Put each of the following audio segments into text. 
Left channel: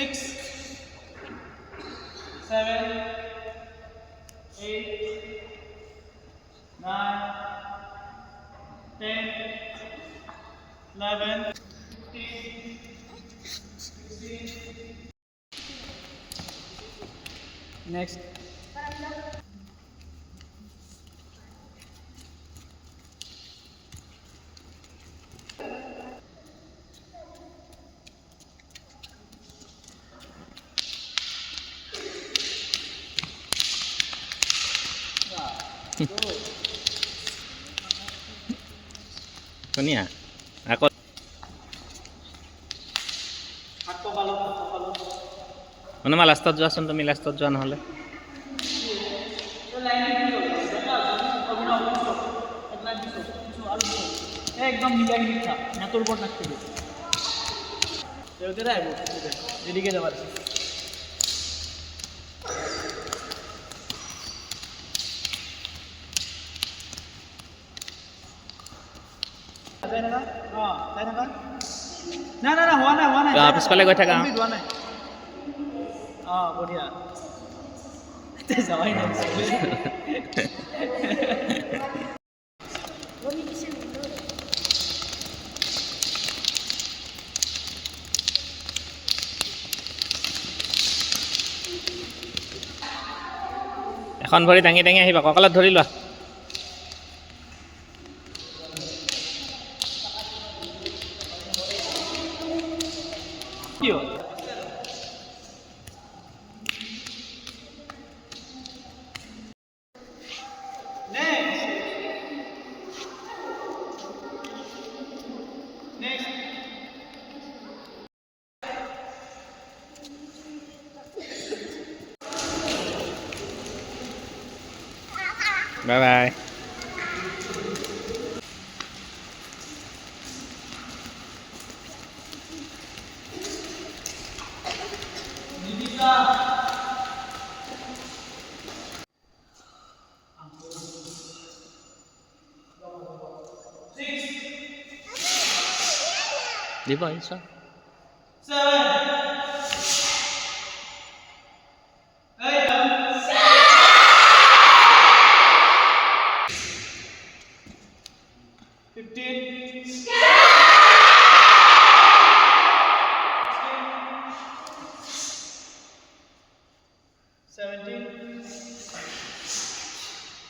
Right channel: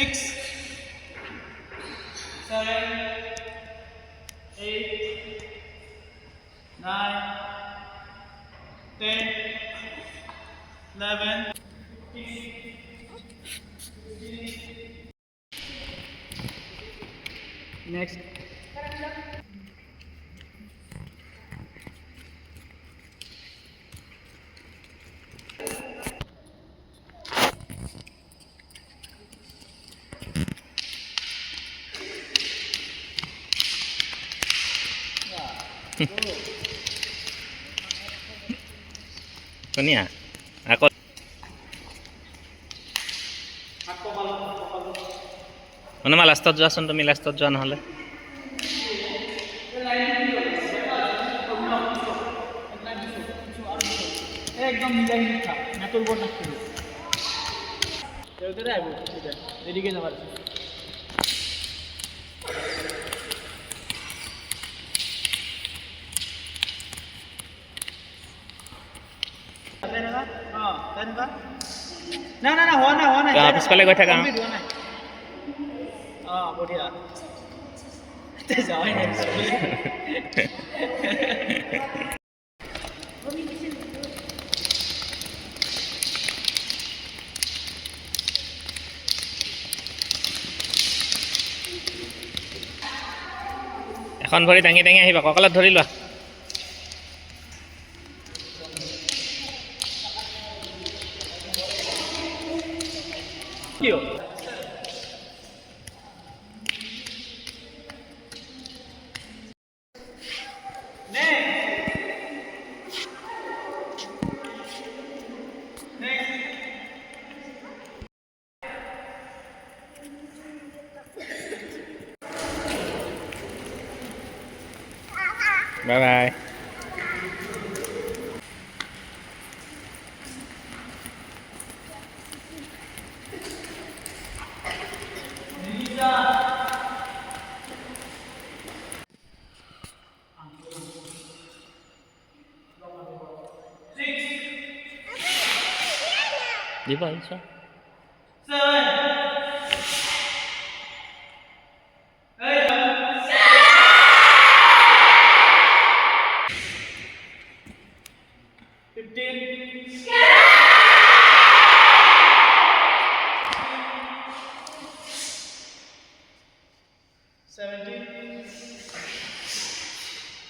6, 7, 8, 9, 10, 11, 15, 16. Next. Kunia, aku মানে মই লাষ্টত যোৱাচোন তুমি লাষ্টত যোৱা নহ'লে একদম মিলাই মিঠা মাটোর উপর থাকতে দেওতে আইব এদিকে যাবার না না না হোৱা নাই পিছফালে গৈ থাকা হোৱা নাই বঢ়িয়া যাওয়াই নাই এখন ভৰি দাঙি দাঙি আহিবা কঁকালত ধৰি লোৱা কি হ'ল বাই বাই দিব আহিছ 17,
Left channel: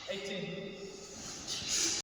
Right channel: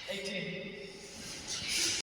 18.